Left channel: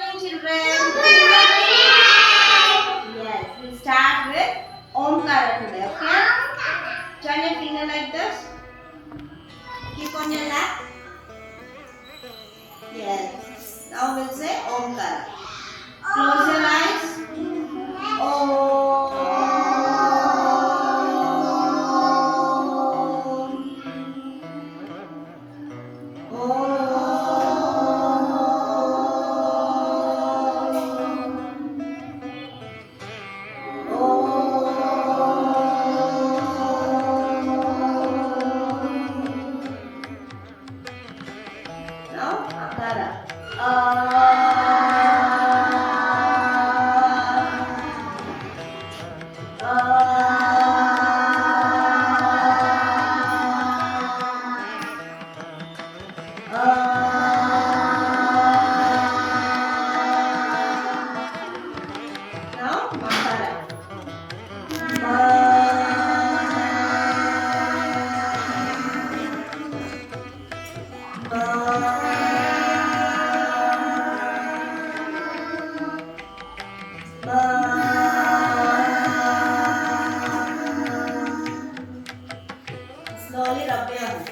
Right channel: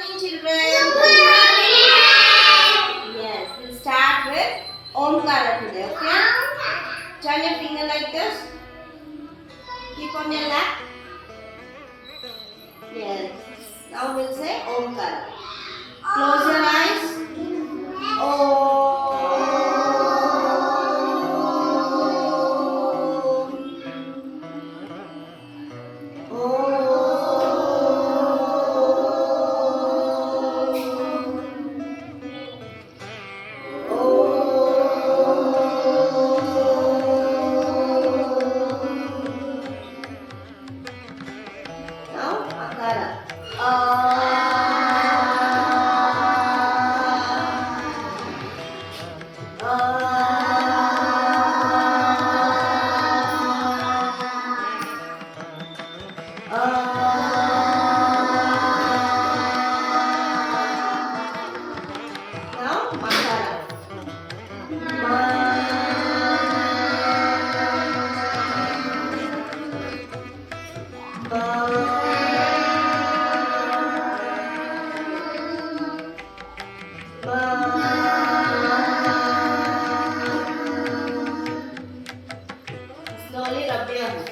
Children. Yes, we'll start with Omkara today, okay? Turn your finger like this. Keep on your lap. Yes. Now we'll say Omkara. Close your eyes. Om. Slowly rub your hands.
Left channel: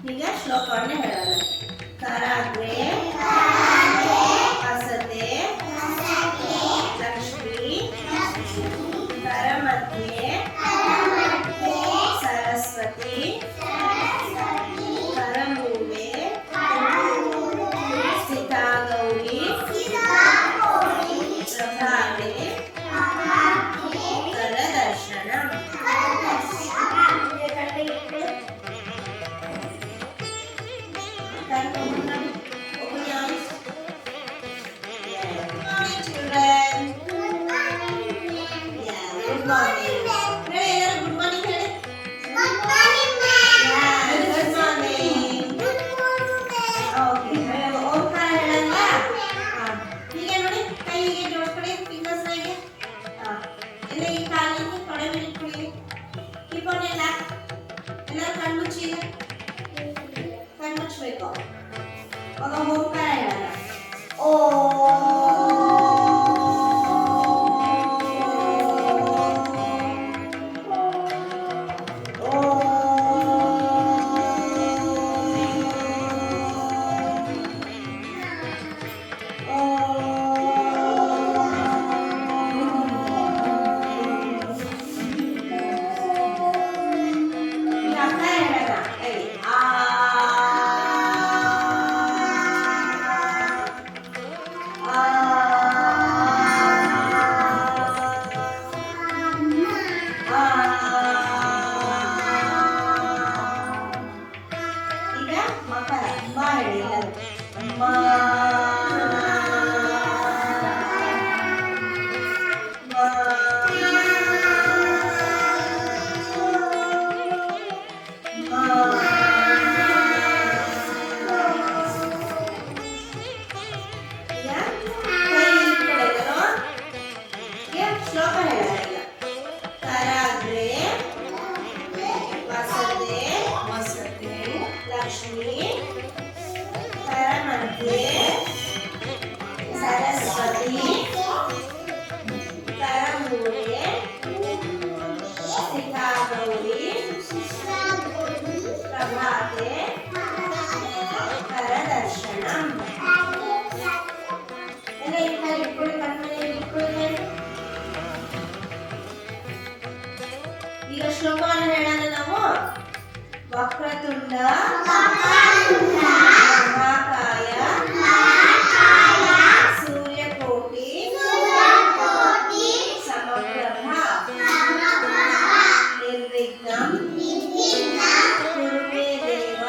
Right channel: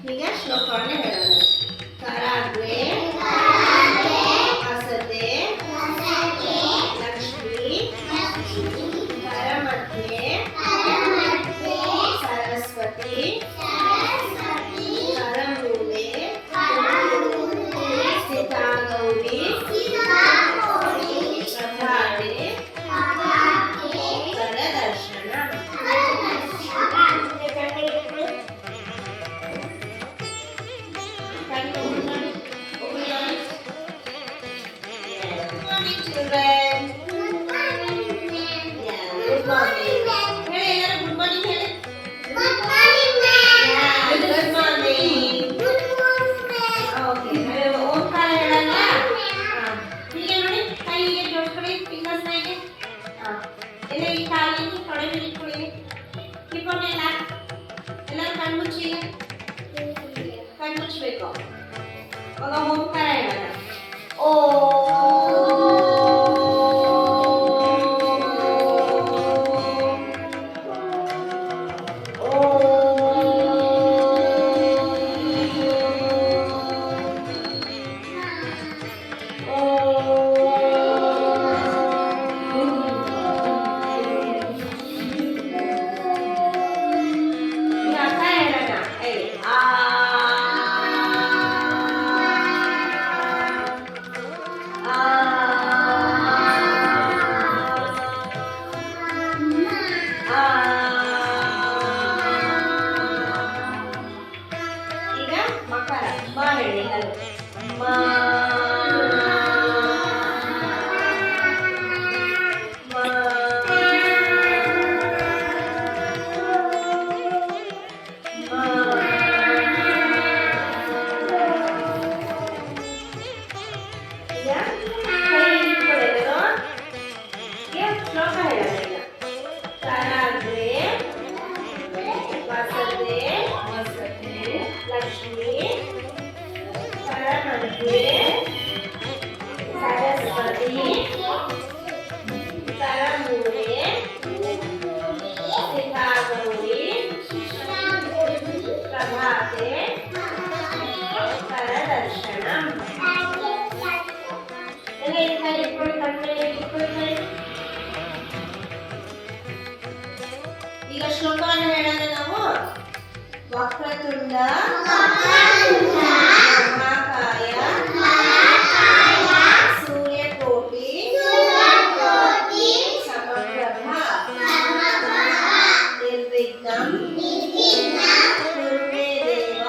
ठीक है श्लोक पढ़ने हैं कराग्रे हसते लक्ष्मी करमध्ये सरस्वती करमूले स्थिता गौरी प्रभाते करदर्शनम् ಈಗ ಶ್ಲೋಕವನ್ನು ಹೇಳೋಣ ನಾವು ವಕ್ರತುಂಡ ಮಹಾಕಾಯ ಸೂರ್ಯಕೋಟಿ ಸಮಪ್ರಭ ನಿರ್ವಿಘ್ನಂ ಕುರು ಮೇ ದೇವ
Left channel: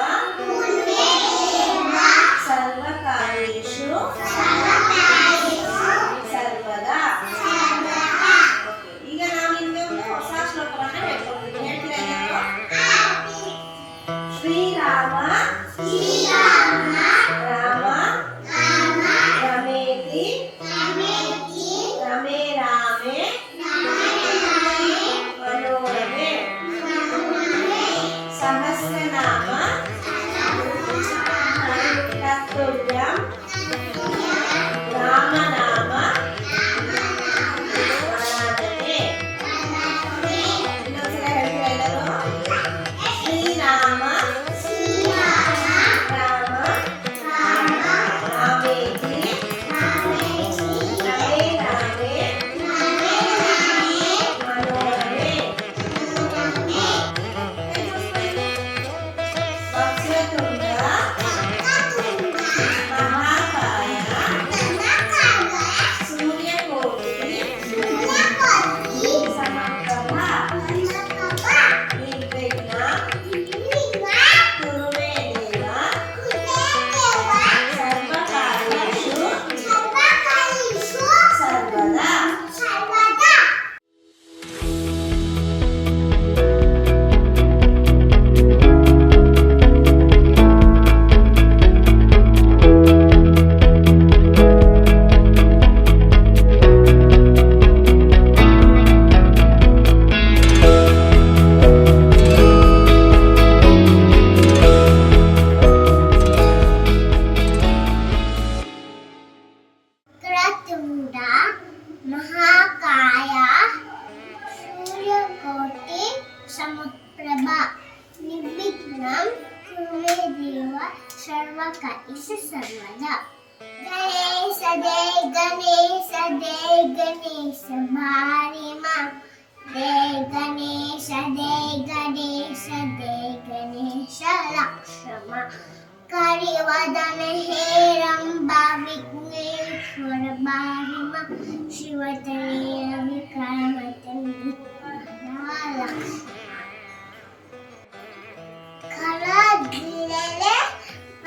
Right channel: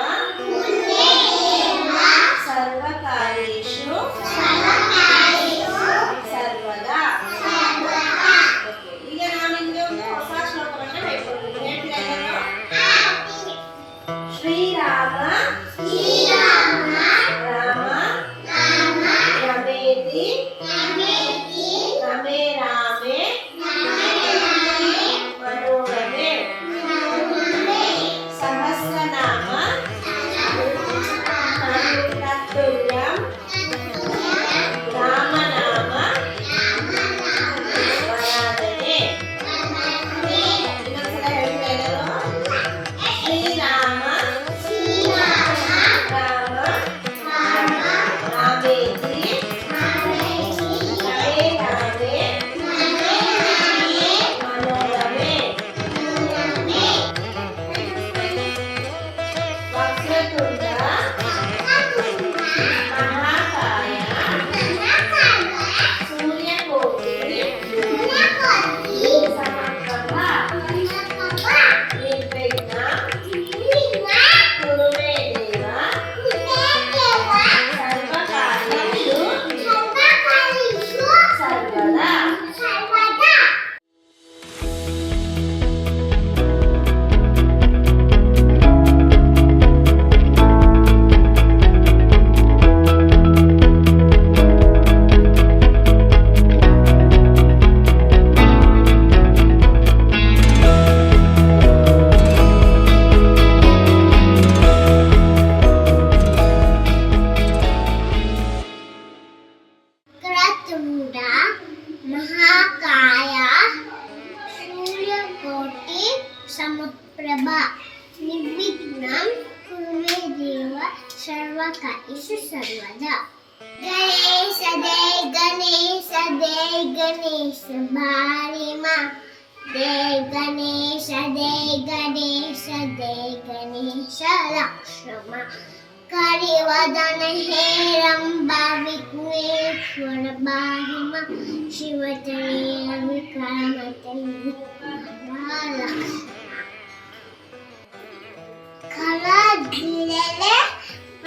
ಸರ್ವಕಾರ್ಯೇಷು ಸರ್ವದಾ. ಈಗ ನಾವು ನಿಮಗೆ ಒಂದು ಹೊಸ ಶ್ಲೋಕವನ್ನು ಹೇಳ್ಕೊಡ್ತೀನಿ. ಹೇಳ್ತೀರಾ? ಶ್ರೀರಾಮ ಸರ್ವಕಾರ್ಯೇಷು ಸರ್ವದಾ. ಗಣೇಶ ಜಯ ಗಣೇಶ ಜಯ ಗಣೇಶ ಭಾರಿ ಮಾ. ಜಯ ಗಣೇಶ ಜಯ ಗಣೇಶ ಜಯ ಗಣೇಶ ಲಕ್ಷ್ಮ. ಕರಿವದನ ಹೇರಂಬ ವಿಘ್ನೇಶ್ವರ ಭಾರಿ ಮಾ. ಶಿವತನಯ ವಿಕ್ರಮತಂದು ಲಕ್ಷ್ಮ. ಕಲಗಿಲೆ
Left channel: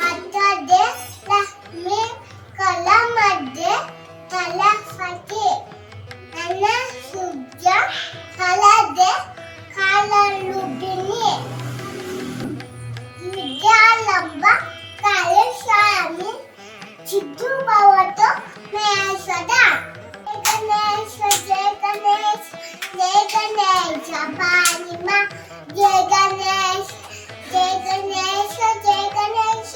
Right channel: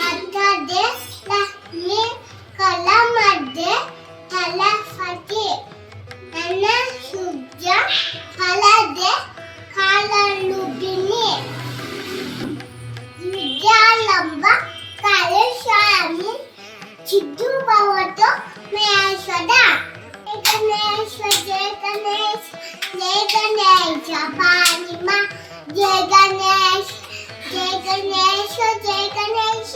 ಮಧ್ಯೆ ಲಕ್ಷ್ಮಿ ಕಲ ಮಧ್ಯೆ ಕಲಪತಿ. ನನ್ನ ಸುಜ್ಜ ಕಲದೆ ಕಾಲಲುಗಿನಿ. ವಿದ್ಯಾಲಂಬ ಕಲಶಾಮಿ ಚಿದ್ದು ಭವತು ಮಹೇಶ್ವರ. ಗಣೇಶ ಜಯ ಗಣೇಶ ಜಯ ಗಣೇಶ ಭಾರಿ ಮಾ. ಜಯ ಗಣೇಶ ಜಯ ಗಣೇಶ ಜಯ ಗಣೇಶ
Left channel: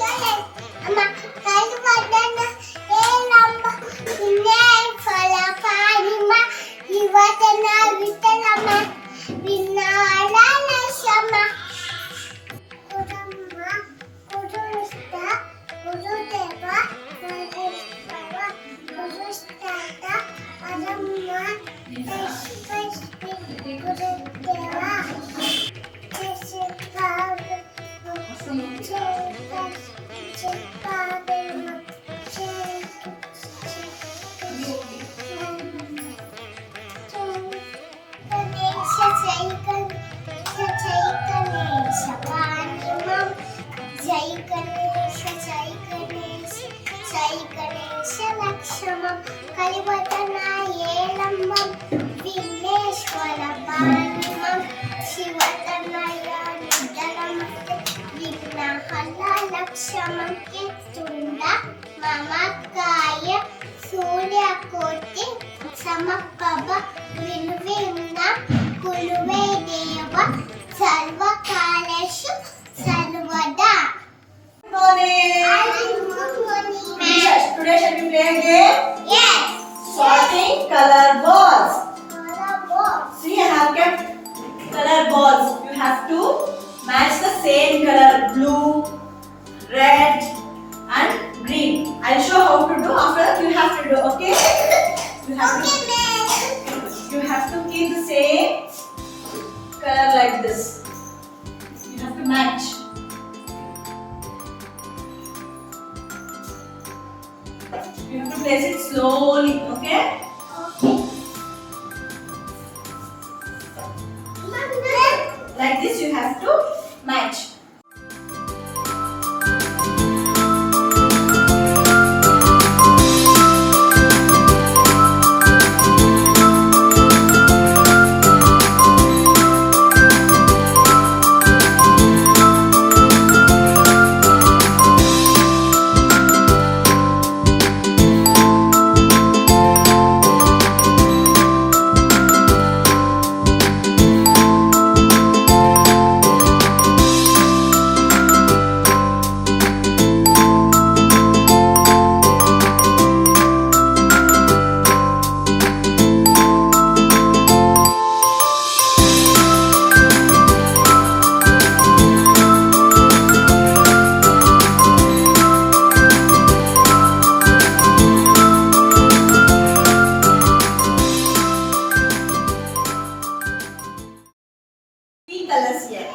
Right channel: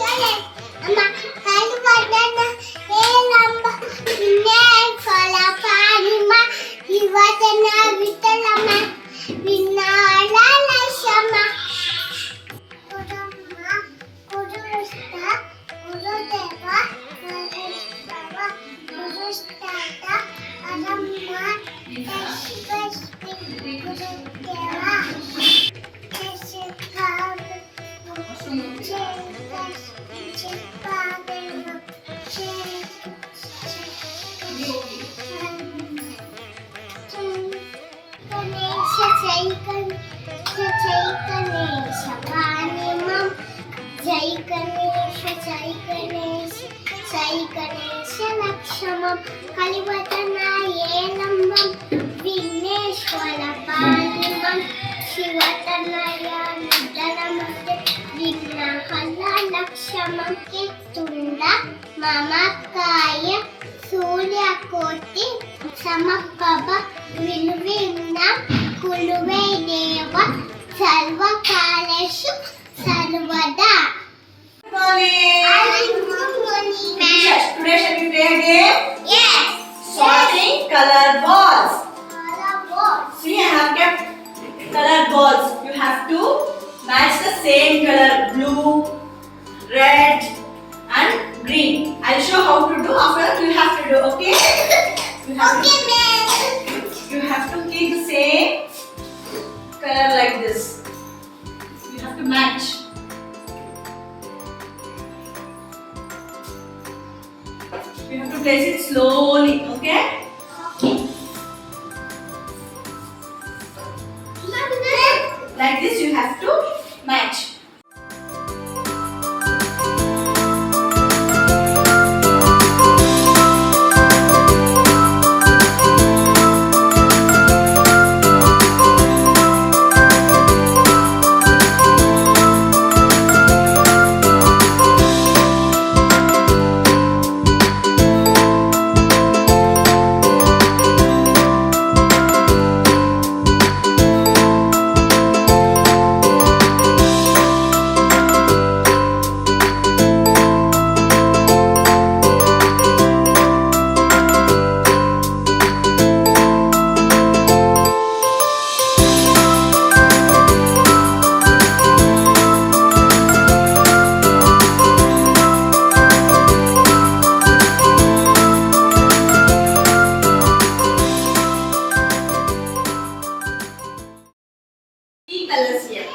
ಅಮ್ಮ. ಕೈಗಡನ ಹೇಳಂಬ ವಿಘ್ನೇಶ್ವರ ಭಾರಿ ಮಾ. ಶಿವತನ ವಿಠಲಮ್ಮ ವಿನಾಯಕ ಶಮ. ಗುರುಮ್ಮ ಗುರುಷ್ಟ ಗುರುದೇವ ಗುರುಸ್ತಾತ ಪರಮ್ಮ ಯಶ್ವಸ್ಮಿ ಗುರುದೇವ. ಕಲಿವತನ ಏಳಮ್ಮಂ ವಿಘ್ನೇಶ್ವರ ಭಾರಿಮಂ. ಶಿವತನಯ ನಿಧನಮತೆ ವಿಘ್ನ ಹಲ ಲಕ್ಷಮಂ. ತುಂಡ ಮಮಕಾಯ ಸೂರ್ಯಕೋಟಿ ಸಮಪ್ರಭ ವಿಲ್ವಿನ್ನ ಕುಲುವೆ ದೇವ ಸರ್ವಕಾಲೇಷು ಸರ್ವದಾ. Today shall we play a game? Yes. Sorting color balls. Color balls. See, I have kept color balls. You have to match the same color: blue, red, and green. I'll show how to do. After that, you have to do. Okay? You have Okay, ma'am. You have to keep the same color like this. You have to match. You have to place it slowly, okay? Okay. Like this, you have to match. Three colors here:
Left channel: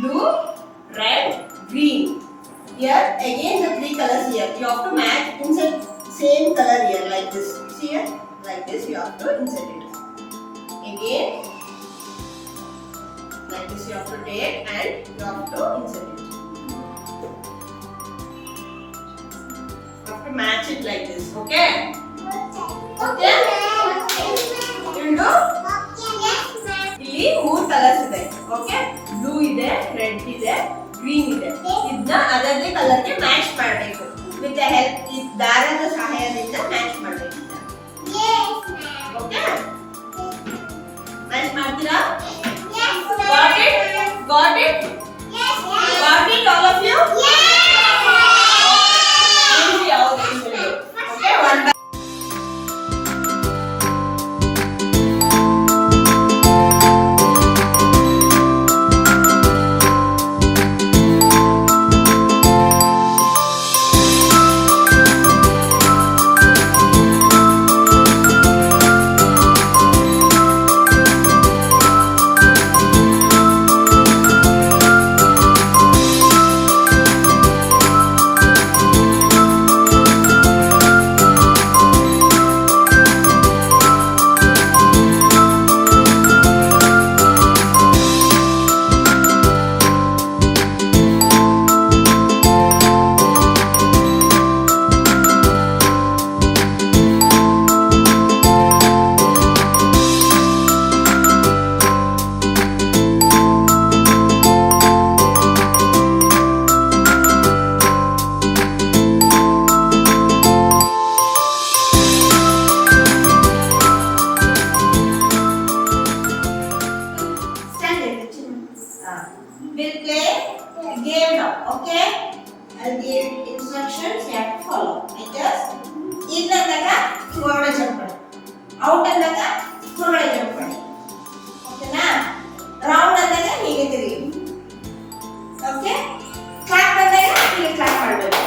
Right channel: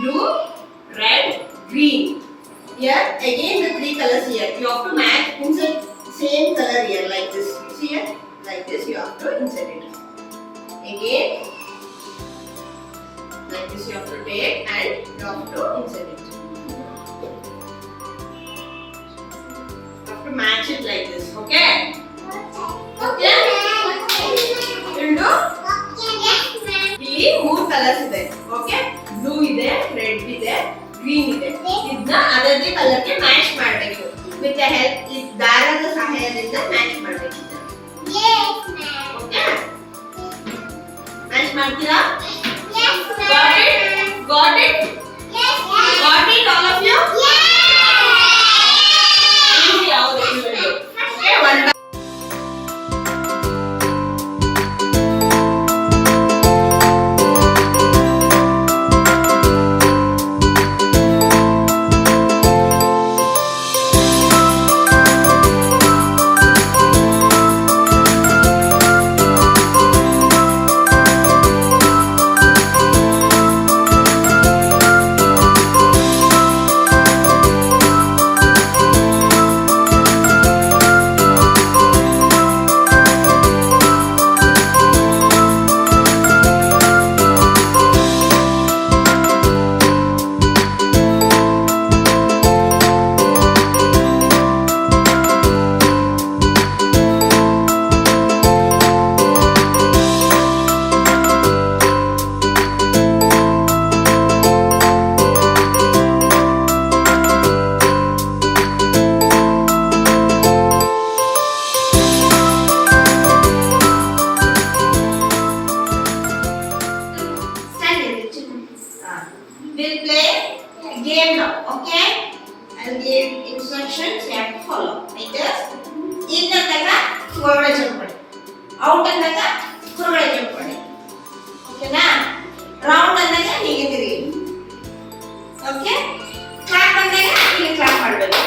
blue, red, green. Here again the three colors here. You have to match inside same color here like this. See here, like this. You have to insert it. Again, like this you have to take and you have to insert it. You have to match it like this. Okay? Okay? You do? ಇಲ್ಲಿ ಮೂರು ಕಲರ್ಸ್ ಇದೆ. Okay, blue ಇದೆ, ರೆಡ್ ಇದೆ, ಗ್ರೀನ್ ಇದೆ. ಇದನ್ನ ಅದರದೇ ಕಲರ್ಗೆ ಮ್ಯಾಚ್ ಮಾಡಬೇಕು. ವಿತ್ ದ ಹೆಲ್ಪ್ ದಾರದ ಸಹಾಯದಿಂದ ಮ್ಯಾಚ್ ಮಾಡಬೇಕು. ಓಕೆ, ಮ್ಯಾಚ್ ಮಾಡ್ತೀರಾ? Got it? Got it? Got it, all of you? Easy, how they will do. Okay, one by I'll give instructions, you have to follow. Like this. In ಅಂದಾಗ ಹೊರಗಡೆ ಜಂಪ್ ಮಾಡಿ. ಔಟ್ ಅಂದಾಗ ಹೊರಗಡೆ ಜಂಪ್ ಮಾಡಿ. ಓಕೆನಾ? ರೌಂಡ್ ಅಂದಾಗ ಹೀಗೆ ತಿರುಗಿ. ಓಕೆ? ಕ್ಲಾಪ್ ಅಂದಾಗ ಹೀಗೆ ಕ್ಲಾಪ್ ಮಾಡಬೇಕು.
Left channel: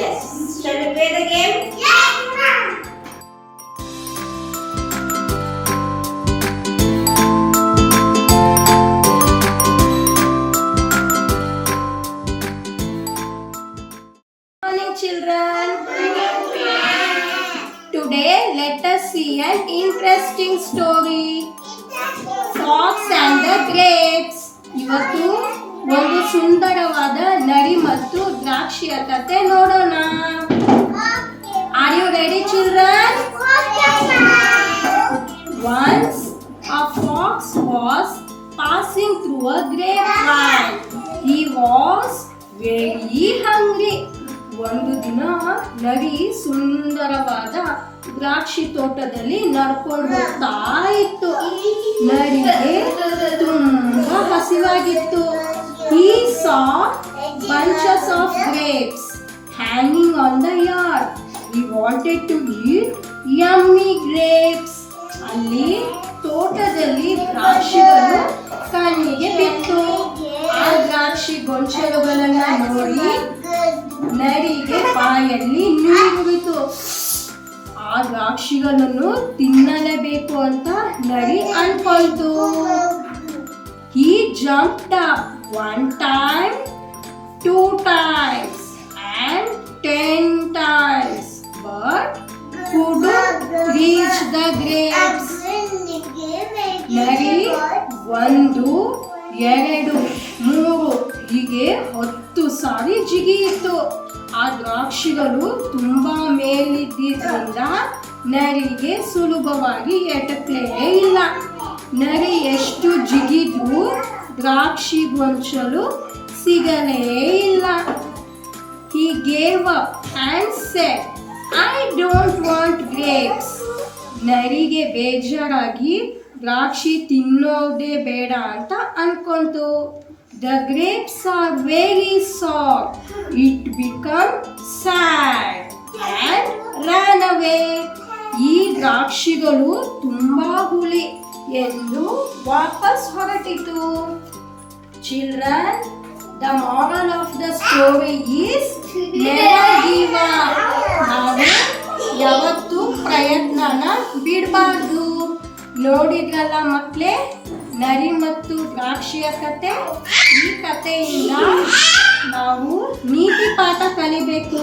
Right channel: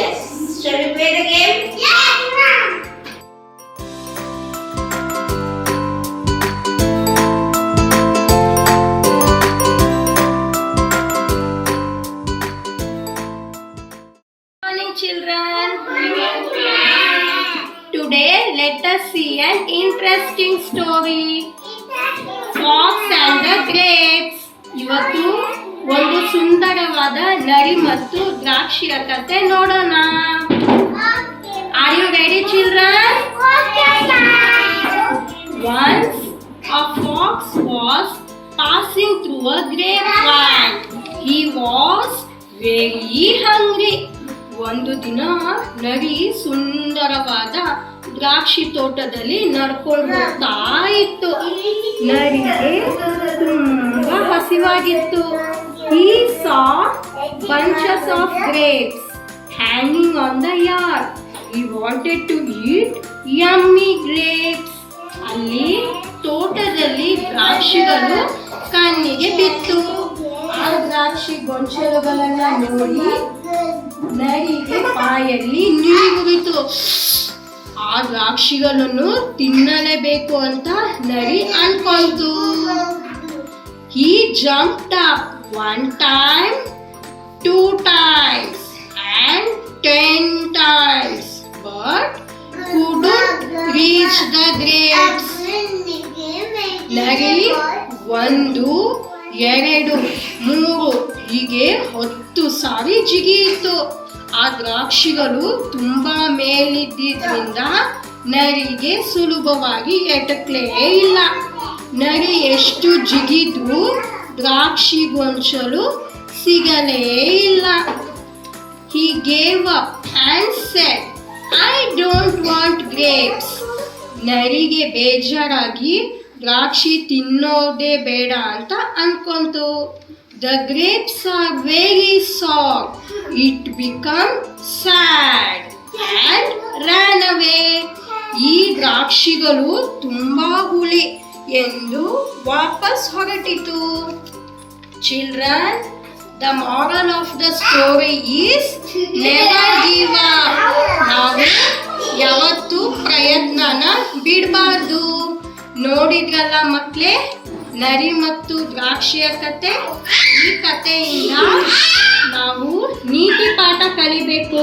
Yes. Shall we play the game? Yes, ma'am. Children, today let us see an interesting story. Fox and the grapes. ಇವತ್ತು ಒಂದು ಸುಂದರವಾದ ನರಿ ಮತ್ತು ದ್ರಾಕ್ಷಿಯ ಕಥೆ ನೋಡೋಣ. Are you ready, children? Once a fox was passing through a grapevine. He was very hungry. ಒಂದು ದಿನ ನರಿ ಸುಂದರವಾದ ದ್ರಾಕ್ಷಿ ತೋಟದಲ್ಲಿ ನಡ್ಕೊಂಡು ಹೋಗ್ತಾ ಇತ್ತು. ನರಿಗೆ ತುಂಬಾ ಹಸಿವಾಗಿತ್ತು. He saw bunches of grapes hanging on the yard. He wanted to eat yummy grapes. ಅಲ್ಲಿ ತೋಟದಲ್ಲಿ ದ್ರಾಕ್ಷಿಗಳು ಕಣ್ಣಿಗೆ ಬಿತ್ತು. ಆ ದ್ರಾಕ್ಷಿ ಗೊಂಚಲುಗಳನ್ನ ನೋಡಿ ನರಿಗೆ ಬಾಯಲ್ಲಿ ನೀರುಬಿತು. ಆ ದ್ರಾಕ್ಷಿಗಳನ್ನು ತಿನ್ನಲೇಬೇಕು ಅಂತ ನರಿ ಅನ್ಕೊಂತು. He jumped up 1 time, 2 times and 10 times but couldn't reach the grapes. ನರಿ 1, 2, 3 ಹೀಗೆ 10 ಸಾರಿ ಜಿಗಿಯಿತು. ಆ ದ್ರಾಕ್ಷಿಗಳು ತುಂಬಾ ಮೇಲಿದ್ದರಿಂದ ನರಿಗೆ ಸುಲಭವಾಗಿ ಎಟಕ್ಲೇ ಇಲ್ಲ. ನರಿ ಎಷ್ಟು ಜಿಗಿದ್ರೂ ದ್ರಾಕ್ಷಿ ಗೊಂಚಲು ಸಿಗಲೇ ಇಲ್ಲ. He gave up and said, I don't want grapes. ನರಿಗೆ ಬೇಜಾರಾಗಿ ದ್ರಾಕ್ಷಿ ತಿನ್ನೋದೇ ಬೇಡ ಅಂತ ಅನ್ಕೊಂತು. The grapes are very sour. It became sad and ran away. ಈ ದ್ರಾಕ್ಷಿಗಳು ತುಂಬಾ ಹುಳಿ ಎಂದು ವಾಪಸ್ ಹೊರಟಿತು. Children, the moral of the story is never give up. ನಾವು ಯಾವತ್ತೂ ಪ್ರಯತ್ನನ ಬಿಡಬಾರ್ದು. ನೋಡಿದ್ರಲ್ಲ ಮಕ್ಕಳೇ, ನರಿ ಮತ್ತು ದ್ರಾಕ್ಷಿಯ ಕತೆ. ಈ ಕಥೆಯಿಂದ ನಾವು ನೀತಿ ಪಾಠ ಕಲಿಬೇಕು.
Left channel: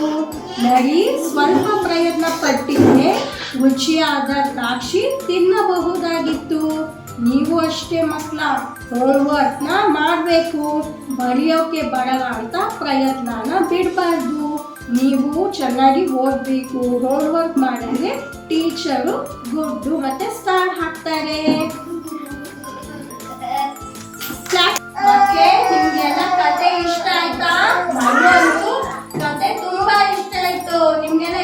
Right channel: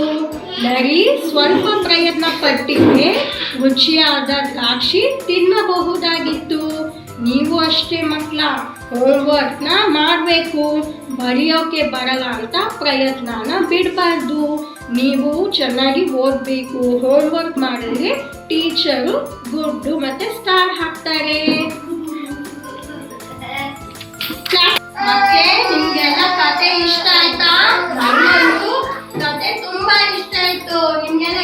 ನರಿ ಸ್ವಲ್ಪ ಪ್ರಯತ್ನ ಪಟ್ಟಿದ್ರೆ ರುಚಿಯಾದ ದ್ರಾಕ್ಷಿ ತಿನ್ನಬಹುದಾಗಿತ್ತು. ನೀವು ಅಷ್ಟೇ ಮಕ್ಕಳ, ಹೋಮ್ವರ್ಕ್ನ ಮಾಡಬೇಕು. ಬರೆಯೋಕೆ ಬರಲ್ಲ ಅಂತ ಪ್ರಯತ್ನನ ಬಿಡಬಾರ್ದು. ನೀವು ಚೆನ್ನಾಗಿ ಓದಬೇಕು. ಹೋಮ್ವರ್ಕ್ ಮಾಡಿದ್ರೆ ಟೀಚರು ಗುಡ್ಡು ಮತ್ತೆ ಸ್ಟಾರ್ ಹಾಕ್ತಾರೆ. ಮತ್ತೆ ನಿಮ್ಗೆಲ್ಲ ಕತೆ ಇಷ್ಟ ಆಯ್ತಾ? ನನಗಂತೂ ಕತೆ ತುಂಬಾ ಇಷ್ಟ ಆಯ್ತು. ನಿಮ್ಗೆಲ್ಲ